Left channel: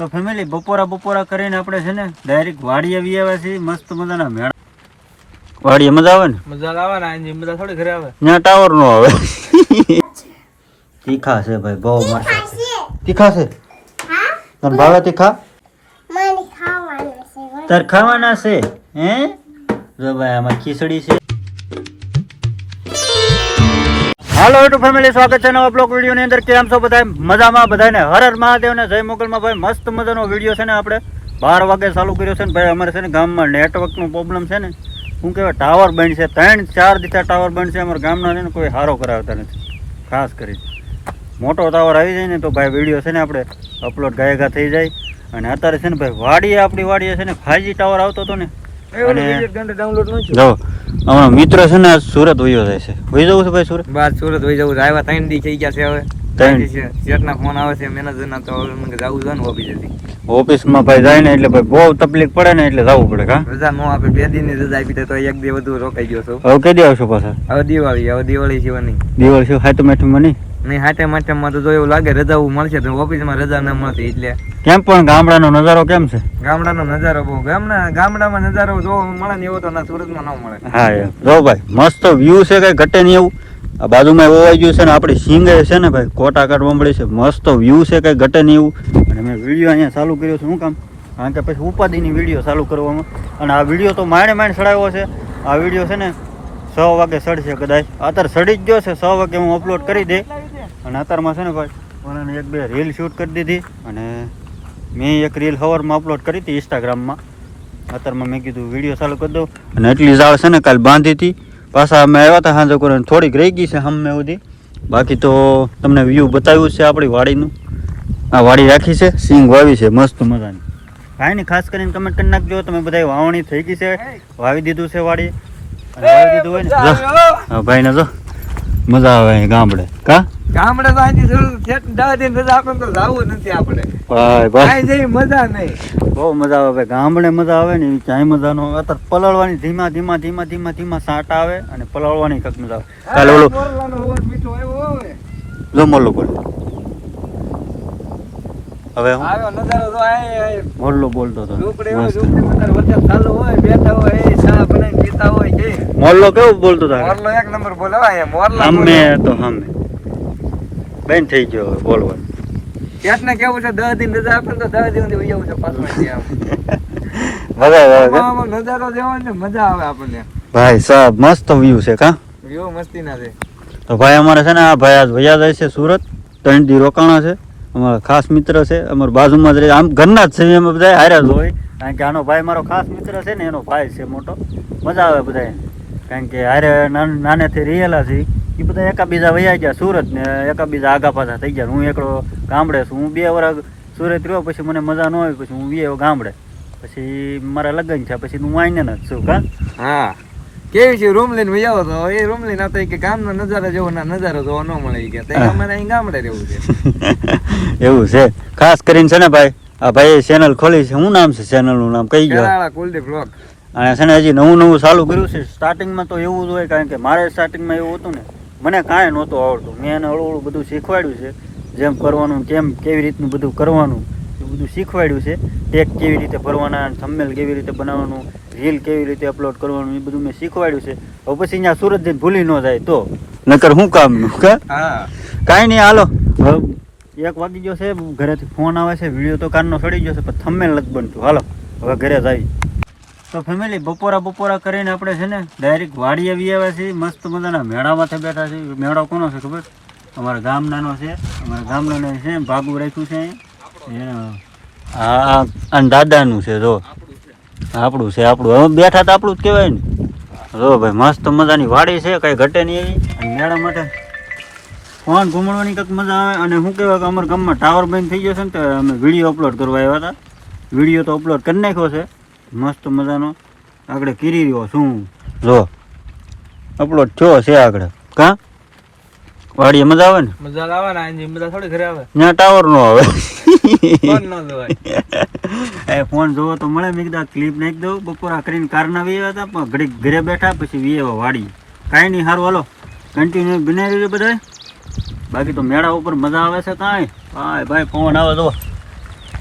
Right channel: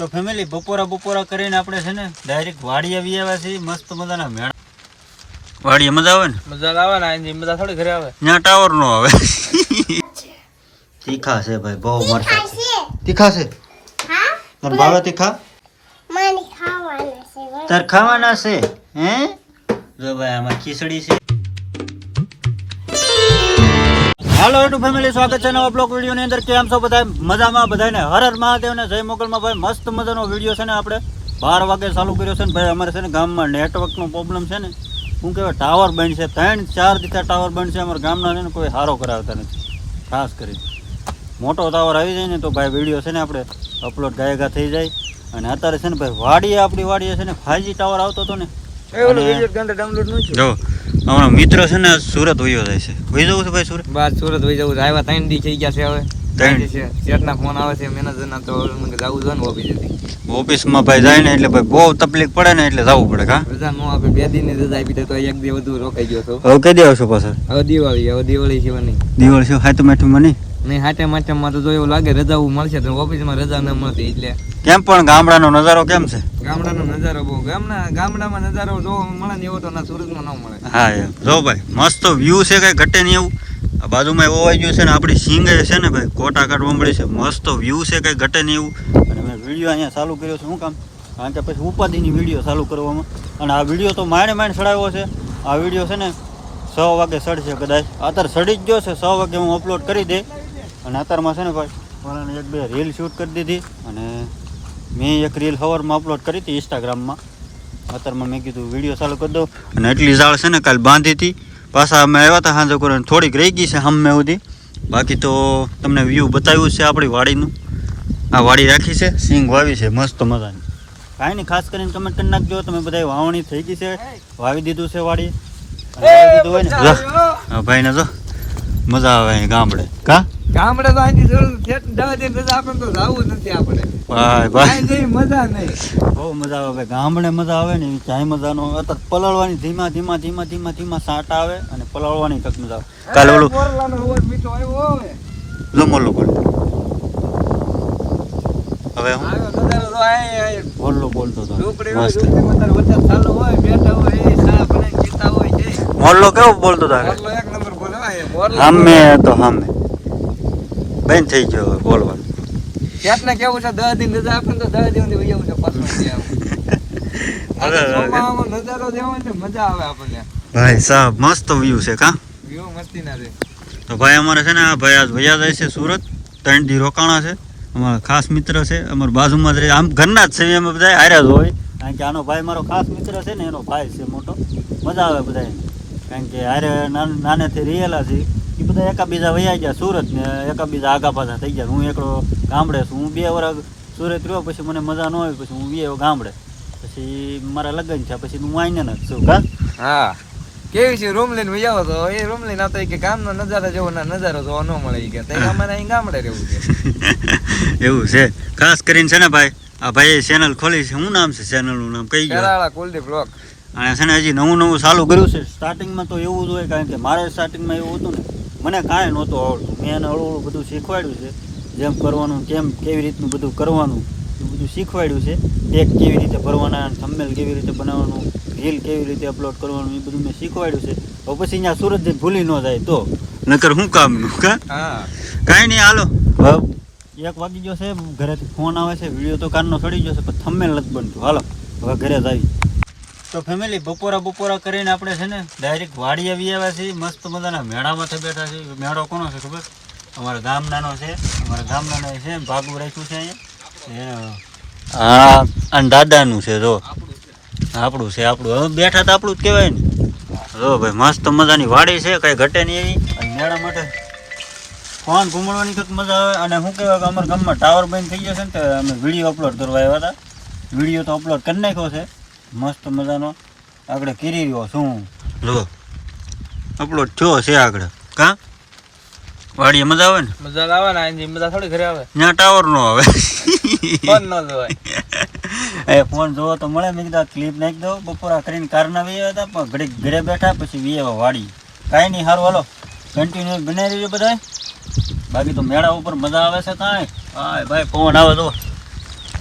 તો ફેમિલી બપોરા કરીને આપણે છે ને ડાયરેક્ટ વાડી આવી આવ્યા છીએ. મસ્ત મજાના મેળા વાડીએ મજા આવે ને? મજા આવે ને, મજા થોડી ઘરે આવે. ત્યાં ટાવર નો આવે. તીખા છે ભાઈ, બહુ મસ્ત તીખા છે. તને ભાવે તીખા? તાર ખાવાના છે હે? જો ભાઈ આમાં ખીચડી છે. હાલો યુટ્યુબ ફેમિલી, સ્વાગત છે નવા બ્લોગ વિડીયો ની અંદર. કેમ છો બધા? મજામાં? બધાને હર હર મહાદેવ ને જય મોગલમાં. ભાઈ મસ્ત મજાનો વિડીયો છે ને આપણે 12 વાગે ચાલુ કર્યો છે ને ભાઈ. અમારે છે ને ગામમાં નેટવર્ક નો પ્રોબ્લેમ છે ને, શું કહેવાય, ટાવર બંધ છે. 3-4 દીથા ટાવર બંધ છે અમારા ગામના છે ને, કોઈ સારો કરાવતા નથી. ખાસ કરી મોટો ટાવર આવી જાય ને તો ભાઈ વિડીયો છે ને આપણે અપલોડ ગાયગા થઈ જાય. અને અત્યારે છે ને ભાઈ વાડીએ, આપણી વાડીએ છે ને 5G ટાવર આવતો હતો ને, અને જો અમારો મિત્ર છે ને સુરત વયો જાય છે. વહી જવું છે ભાઈ સુરત? બાર સુરત વહી જવું છે. આવ્યા 3 દી થઈ ગયા છે. હવે 3 દી છે. શેઠના ફોન આવે છે મેનેજરના, તો મને જવું છે ને ઓફિસેથી. ઓફિસમાં ભાઈ જાય ને એટલે ભાઈ બહુ તકલીફ પડે ને, એટલે જવું પડે. કા રજા નો આપે, 2 દિનની રજા આપી દે તો 1 દી વધુ રોકાઈ ગયો છો. હવે કઈ આવશો પાછા? હવે દિવાળી સિવાની. દિવાળી શું હાથે માઠમાં નહીં? મેં હાથે માઠમાં તો જો એવું લાગે રજા મળશે તો ઓફિસમાં રજા ન મળતી. એટલે કેમ પણ ગામડાનો નજારો કેમ છે? ગામડાનો નજારો બહુ, ગામડામાં નજારો જોવા મળે ને એવો તો ના સુરતમાં ન મળે. હા એમ જો ભાઈ મસ્ત વ્યૂ છે, કઈ ઘટે નહીં એવું. આ બાજુમાં ઓવાઈ ગયું છે ને, આપણી સિંગે છે ને ભાઈ કોટા કાઢવા મળી છે. મસ્ત વ્યૂ છે, કઈ ઘટે નહીં એવું. મેં વિડીયો અહીંયા ચાલુ કર્યો છે. શું કામ? કારણ કે પછી ઉપાધિની વિડીયો ચાલુ કરવામાં, અને આ વિડીયો તો માંડ ચડાવ્યો છે. આ વિડીયો છે ને 6 વાગે ચડશે કદાચ. અત્યારે ચડી જ ગયો છે. 6 વાગે હું અપલોડ કરી દે. અને અત્યારમાં છે ને ભાઈ મને 1-2 રીલ શૂટ કરી દીધી, અને મેં એક રીલ સવારમાં અપલોડ કરી હતી ઇન્સ્ટાગ્રામમાં. અત્યારમાં મેં કીધું વિડીયો ચાલુ કરી દઉં. અને એટલી ઝાડ છે ને કાલ બાંધી હતી. પાછા અમે આવ્યા હતા સાંજે કરીને, થોડીક રહી ગઈ છે હમે સુધી. બાકી તો તમને વ્યૂ બતાવ્યું છે આપણી વાડીનું. આ વાડી રાખી છે, સિંગ વાવી છે મસ્ત મજાની. કાંઈ નહીં, ખાસ કરીને કમેન્ટ કરી નાખજો તમે બધા. વાવણી થઈ ગઈ છે, વાવી દીધું છે વાડી. અને વાવી દીધું હોય ને જો ભાઈ ને જો મજા આવે અહીં ગામડે. કા ગામડે તો આની જરૂર 10 દિન રજા આપણે તો જાવું નથી. આપણે ભાઈ જઈ મજા નહીં, બહુ મજા આવે. ગામડે મજા આવે ને ક્યાંય મજા નો. અત્યારે પલાળવાની ધીમા સાટ આવે, અને પલાળવાની કક મજા આવે. કાલે ઓલું મીઠો આવ્યો હોય જો મોલ્લો બોલ. હવે હું આવ્યો નજારો તો આય મોલ્લો બોલતો હતો. વરસાદ ચાલુ હોય, બેઠા હોય, ચા બનાવી પીતા હોય છે. મોલ્લો કેવો બોલતો હતો? મોરલો 1 નંબર બોલે. મોરલો હામે તો હામે બેન થઈ ગયો હવે બોલવાનું. ક્યાંકને કેવું છે 10 દિન રજા આપે તો 10 દિવસ વહી જવું છે પાછું. નજારો જેવો ને મજા આવે આપણને. ભાઈ સાહેબ મસ્ત વ્યૂ છે. કા વ્યૂ મસ્તી ના છે. તો ભાઈ અમારે છે ને આ ભાઈ આજ વયા જાય છે સુરત. 3 દી રોકાણા છે. અમારા ખાસ મિત્ર છે, અમારા બાજુમાં જ રહે. આમ ઘરના જ છે, અમે બધા હાર્યા જ હોય. કારણ કે આનો ભાઈ મારો ખાસ મિત્ર છે ને, એનો ભાઈ છે મોટો. મજા આવે બધા, કારણ કે હારે નાનેથી રહેલા છે. એ બધા એકાબીજા વયા ગયા સુરત ને, એકાબીજા આગા પાછા થઈ ગયા. હું એકલો ગામડે છું. હું 2 વર્ષ સુરત રહ્યો, પછી મને મજા ન આવી, પછી હું આવ્યો ગામડે. પછી મારા લગ્ન થયા, પછી હું અહીંયા જ છું. કા હા કેવી છે રૂમ લઈને વહી આવો તો એ રૂમ લઈને આવતા કે ગામનો નજારો જેવો નજારો જોવા ન મળે કે અમારે અહીં ગામડે રહેવું છે. એવું છે. ખાસ કરીને છે ને ભાઈ આ ભાઈ ચેનલ ખોલી છે. શું નામ છે ચેનલનું? નામ કઈ ગયો? કુલદીપ બ્લોગ. અને છે ને હજી નવું ચાલુ કર્યું છે. સ્ટાર્ટિંગમાં તો એવું જ હોય, કારણ કે મારે સ્ટાર્ટિંગમાં એવું હતું ને, મને કાંઈ નહોતું આવડતું. મેં એને હળવું બધું શીખવાડ્યું છે. જેમ કરવાનું, કેવી રીતનું બધું કરવાનું એ બધું શીખવાડ્યું છે. ટેગ કેવી રીતે ભરવાના, થંબનેલ કેવી રીતે બનાવવાનું, રીલ કેવી રીતે અપલોડ કરવાનું, એ બધું મેં શીખવાડ્યું છે. હવે પછી અહીંયા સુરત જઈને ભૂલી ન જાય તો નકર શું કામનું. કાંઈ નહીં, હાલો 1 વાગી ગયો છે. ઘરેથી ફોન આવે છે. વિડીયો તો કાનનો સડી ગયો છે, પણ થંબનેલ નથી બનતું. હાલો હવે ઘરે જ આવી. તો ફેમિલી બપોરા કરીને આપણે છે ને ડાયરેક્ટ વાડી આવી આવ્યા છીએ. મસ્ત મજાના મેળામાંથી બેઠા છે. મેળો કોનો છે ખબર? અમારા ગામનાનો છે. અમારા ગામનાનો છે, ભાગું રાખ્યું છે અહીંયા. અને દાદાનું છે. જો આપણું છે. હવે બેઠા તો આપણું જ કહેવાય ને. જો ભાઈ મસ્ત મજાની વાડી છે, કઈ ઘટે નહીં એવી. અને મેળા માટે ફોન ઘૂમણવાની કંઈક મજા આવે. અને શું કહેવાય કે અમારા ગામમાં ટાવર બંધ થઈ જશે ને, તો અમે વિડીયો અપલોડ કરવા આવ્યા હતા. વિડીયો તો અપલોડ કરી નાખ્યો છે મસ્ત મજાનો. આગળ કરી રહ્યો શું જો અપલોડ થયો છે આગળ. કા વાડીએ મજા આવે ને? મજા આવે ને, મજા થોડી ઘરે આવે. ત્યાં ટાવર નો આવે. ફોન ન જોવાય. એ ફોન જોવો તો મળે. મેં કીધું ક્લિપ નાખી દો. બપોરા કરીને કારના વી આવ્યા હતા, પણ ઘડીક ઘરે બેઠા, પછી વી આવ્યા વાડી. કાંઈ નહીં, સારું હાલો કન્ટિન્યુ બનાવી રહ્યો બધા. બાકી તો મેળા ઉપર મજા આવે છે. કાંઈ ભાઈ પવન આવે તો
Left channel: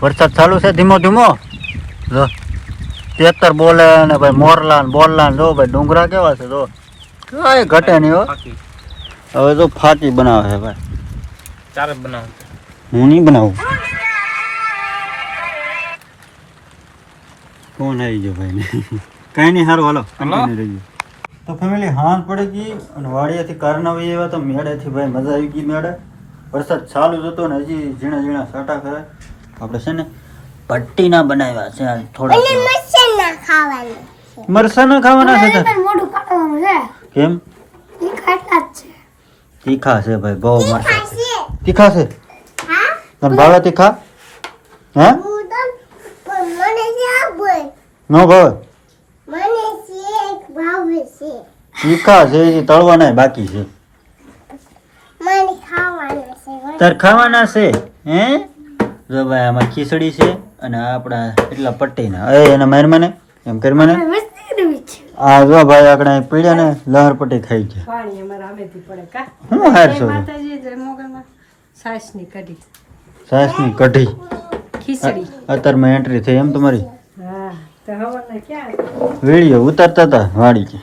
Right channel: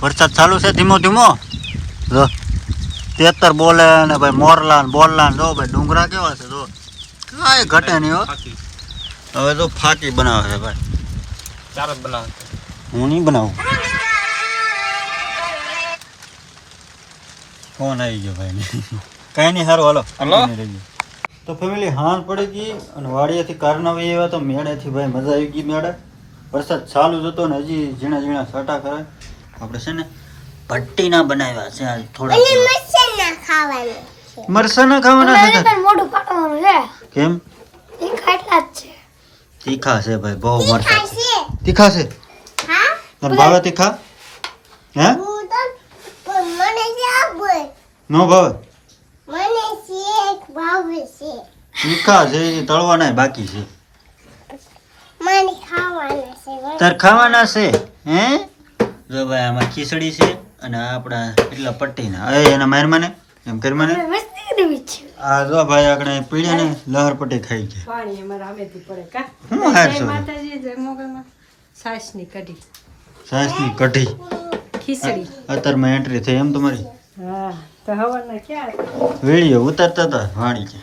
વરસાદ ચાલુ છે ધીમો ધીમો. જો તેતર બોલે ને ભાઈ મોરલા ને બોલલા ને જો ભાઈ ડુંગરા કેવા છે જો કાંઈ ઘટે નહીં હો. હવે તો ફાકી બનાવે છે ભાઈ. ચાર જ બનાવ. હું નહીં બનાવું. કોણ આવી ગયો ભાઈ ને કાંઈ નહીં સારું હાલો કન્ટિન્યુ રહીએ. તો ફેમિલી હાંજ પડી ગઈ અને વાડિયાથી કારનાવી આવ્યા તો મેળેથી ભાઈ મજા આવી ગઈ. મેળે વરસાદ ચાલુ જ હતો ને હજી ઝીણા ઝીણા સાટા કરે. આપણે છે ને પટ્ટીના બનાવ્યા છે આ થોડા મરસાના ખાવાના છે કેમ તીખા છે ભાઈ બહુ મરસા છે. તીખા છે તને ભાવે તીખા હે નો ભાવે તીખા છે હજી તળવાના બાકી છે. તાર ખાવાના છે હે જો ભાઈ આમાં ખીચડી છે અને આપણા એટલા પટ્ટીના એના મહેરમાને એમ કરી મને આ જો ભાઈ આપણે પીડ્યા ને લહર પટ્ટી ખાઈ છે. હું હાર છો સાસની કઢી અત્યારમાં એન્ટ્રી થઈ એમ તમારી વિડીયો ઉતારતા હતા વાડી કે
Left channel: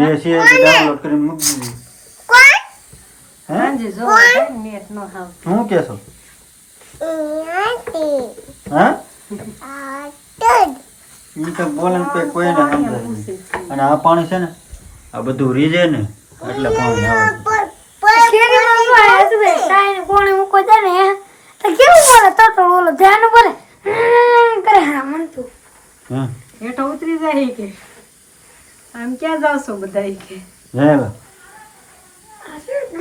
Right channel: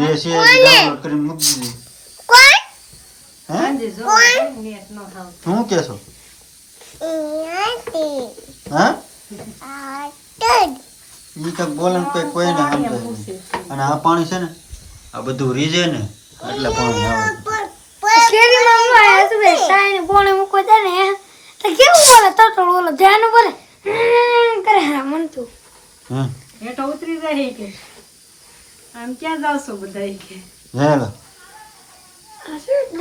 દેશી ડાઉનલોડ કરીને મૂકી દીધી. શું કેશો હા ઈ તો બોલન કોઈને સમજાય નહીં. અને આ પાણી છે ને આ બધું રીજે ને એટલે પાણી આવે.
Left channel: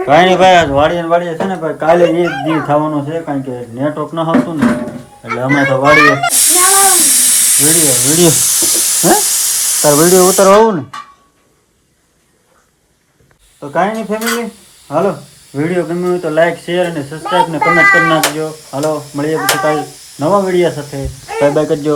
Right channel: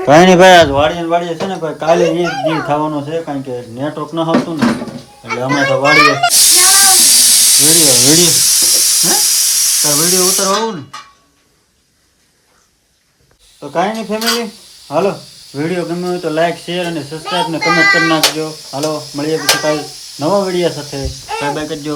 કઈ નઈ ભાઈ વાડીએ છે ને ભાઈ કાલે એક દી ખાવાનું છે કારણ કે નેટવર્ક ન આવતું ને એટલે અમે તો વાડીએ વિડીયો હે તાર વિડીયો ઉતારવા આવું ને તો કાંઈ નહીં ફેમિલી હાલો વિડીયો ગમ્યો હોય તો લાઈક શેર અને સબસ્ક્રાઈબ ને કમેન્ટ કરી નાખજો. હાલો મળીએ પછી કાંઈ નવા વિડીયો સાથે બાય બાય કરજો.